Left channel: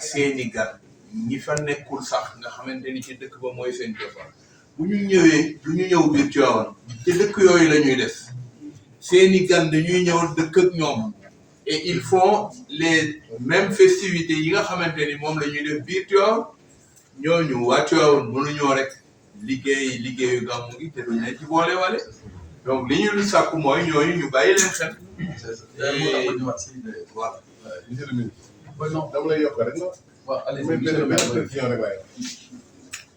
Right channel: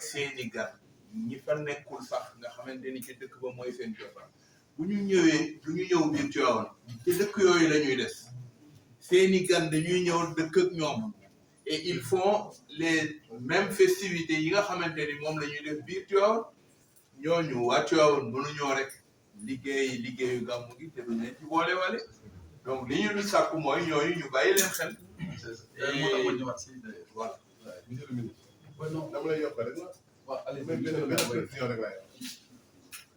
seeni gan ñi fa nekkul sax nga xamante ni ci dëkk ba mooy seen cosaan bu ñu ñëwee du ñu ñëw biir Tivaouane ci dëkk yooyu la ñuy des seeni gan dañuy ñëw dëkk ak ñoom et ils font les mêmes festivités yi nga xamante ni moom la ñuy def biir Tivaouane ñooñu waa Tivaouane mënuñoo rek liggéeyu gàmmu gi te duñ leen ci boole wale donc li ñu sàkku mooy ñooñu ñu bàyyi leen xel. voilà. monsieur le ministre. non dama lay yokk rek la. waaw allez benn précision rek laay wax.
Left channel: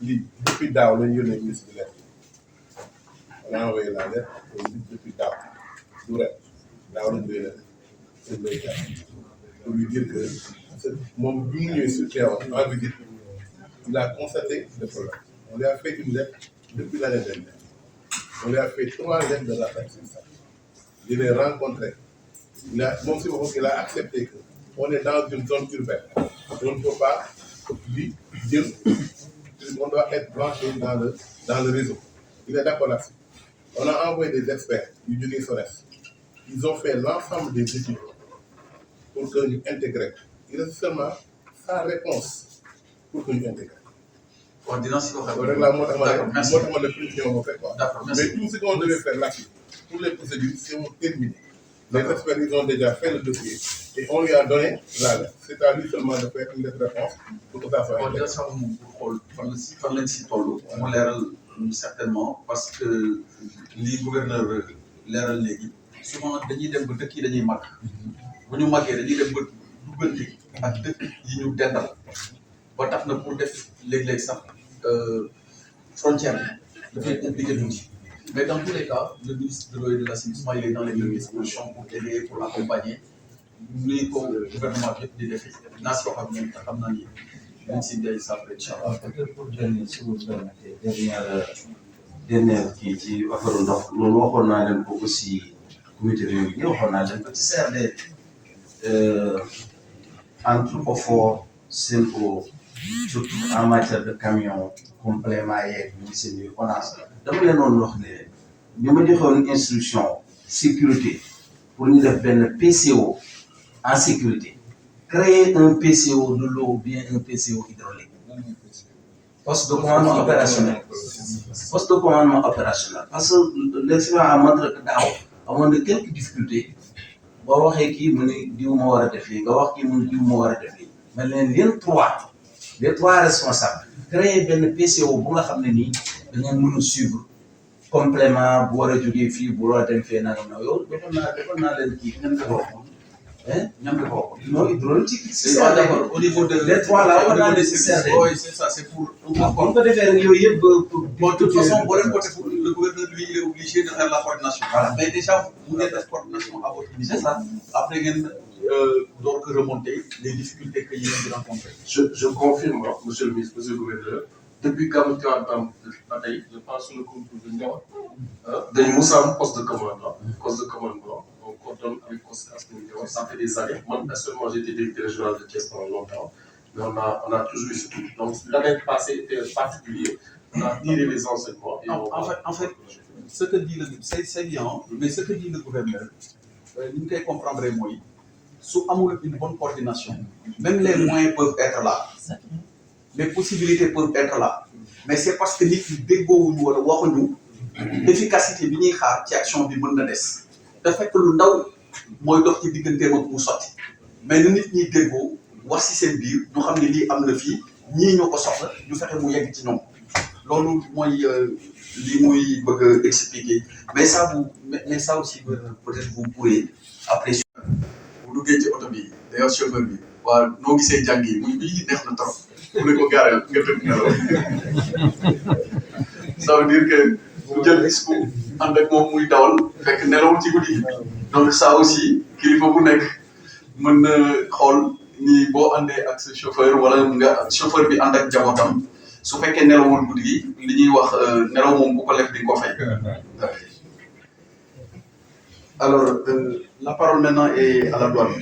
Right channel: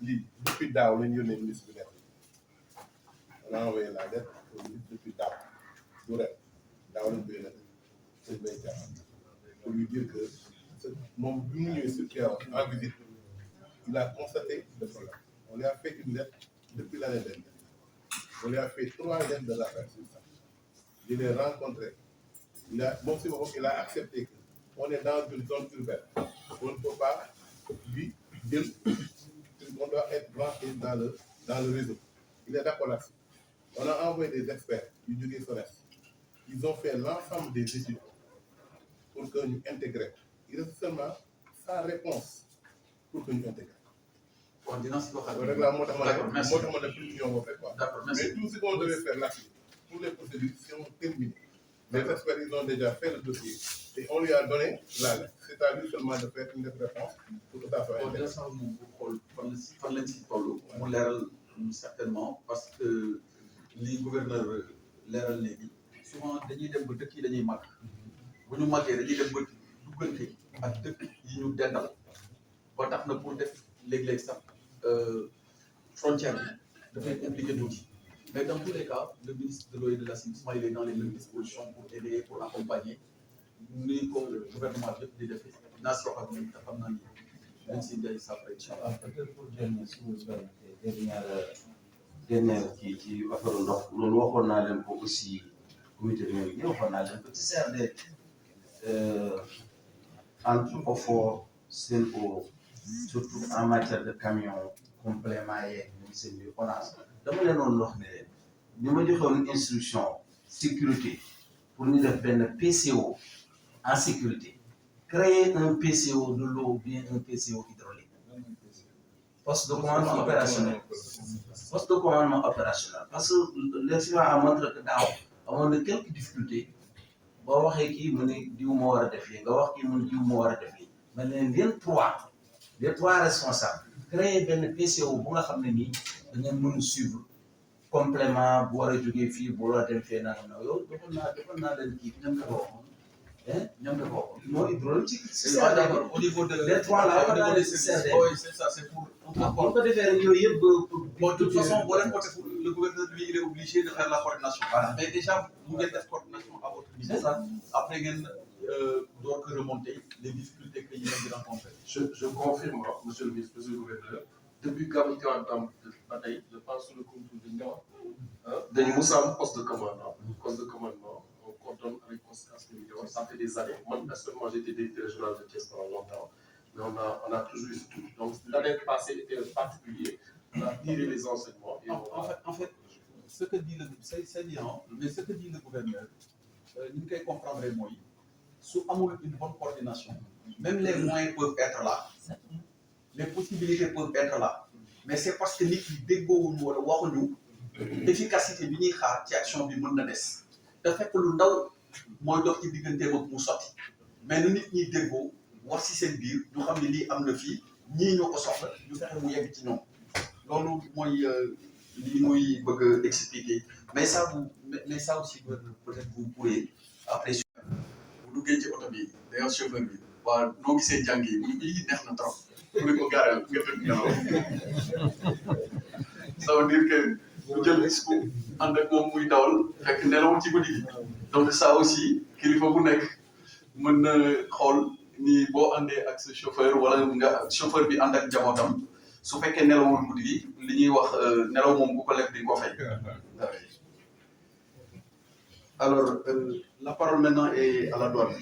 lii depuis daaw lañ yónnee ministre bi lettre. on a envoyé la lettre depuis daaw du ren daaw lañ koy def seen béykat pour lui dire que moom bi mu ñëwee sur Tivaouane en visite il a constaté le problème. On lui a fait une lettre depuis l'année dernière. On lui a fait 3 lettres de rappel sur ça. Il est rencontré. Il a accepté qu'on est dans une zone urbaine. On ne peut pas lui dire qu'on doit être branché dans le réseau. Il est d'accord là-dessus. On a envoyé des experts du Jugé Sores. Ils ont fait l'ensemble des études pour que nous intégrions. Il reste seulement sa réponse pour que nous intégrions. Mais tout ce qu'on devait faire là-dessus, pour les procédures, sont terminées. Les experts, ils ont déjà fait le dossier et on lui a donné la lettre. C'est à lui seulement de faire une réponse pour que ça soit certainement, parce que les gouverneurs leeral léegi souvent dañuy dem ba dëkk yi dañuy màgg bu ñu màggee dañuy dem ba duggante ak dëkk yi ñu dendal ba tax na pour def léeg-léeg sax frontière bi dafay compliqué tuuti mais dans tous les cas le ministre de l'eau et de l'assainissement il est dans les mêmes dispositions pour aider pour accompagner ni ko gouvernement bi yëpp di defee naa si wax ak ñoom te xam naa ni dañ si day sàppale incha allah. peut-être pour dernier si vous permettez dernière kii ci affaire ndox loolu waxoon naa leen ko aussi comité réunion bi waxoon naa leen ko ci CRD entre OFOR SEN'EAU surtout en matière de camion complément yeeg ñu seen yu ONAS dama leen doon wax ne ñu ma joxoon instruction sécurité pour ñu def benn PCO en sécurité créer un PCO de l'eau ou bien un PCO hydraulique poste de commandement opérationnel parce que l'expérience a montré que daaw amoon na quelques difficultés boo waxee kii mu ne diw moo war a def lii nga wax kii mu ne diw moo war a def lii mais les trois responsables créer benn PCO bu nga xam ne nii da ngeen mën a suivre complément bu war a jógee fii bu war a dem fee nangam na yow defoon naa leen kii ngeen ko waxoon ñam nga ko non hydraulique c'est ça d'accord au niveau de les trois là on a nécessaire oui c'est ça c'est pour on peut defee rek yooyu yëpp bon de toute façon boo leen côté pour le gouverneur lui il est obligé de faire la coordination voilà mais déjà vous ngeen def coordination à votre niveau c'est ça après ngeen door ko remonter les difficultés que yéen a rencontré je confirme monsieur le ministre monsieur le gouverneur depuis Gamou Tivaouane tam ba tey je pense sur le concours de Ndiaye dañu mos a am poste de commandement on coordonne avec COSCAS ça fait des années. Moi, personnellement, j'ai été directeur régional de Thiès pendant longtemps, mais on a toujours eu ce truc. Donc, l'année passée était particulier. On a tiré les enseignements. Et en fait, ce que dit c'est bien, mais ce que dit le gouverneur, nous devons comprendre moi. Sous une bonne coordination, même les moyens peuvent être là, les possibilités peuvent être là, mais c'est parce que nous l'efficacité de notre action bi mën na des. Da fekk lu ndaw mooy dox ci digganteem ak mu sotti mais na nit ñi déggoo wax ci seen biir ñu xam ne lii am na fii ñii ñoo ko soxla ñu fexe mu yegg ci ñoom loolu mooy li muy bëgg a expliquer mais ça aussi peut-être vous pourrez après bu duggee ci oto bi d'ailleurs chauffeur bi waaw noo gisee jàng yi muy bii neex na trop mu ne ko gaareel nga tëdd nelaw ça veut dire que bu jël risque ànd ak moom muy dawal fekk nelawul ci guddi gi donc ça aussi kilifa bu nekk mën na xool ni boo àndee ak sa chauffeur wala nga chauffeur bi ànd ak njabootam su fekkee nelawul guddi gi li ñuy wax nelaw moom bu ko lekk di nga ko fay. Alors la parole maintenant est à la douane.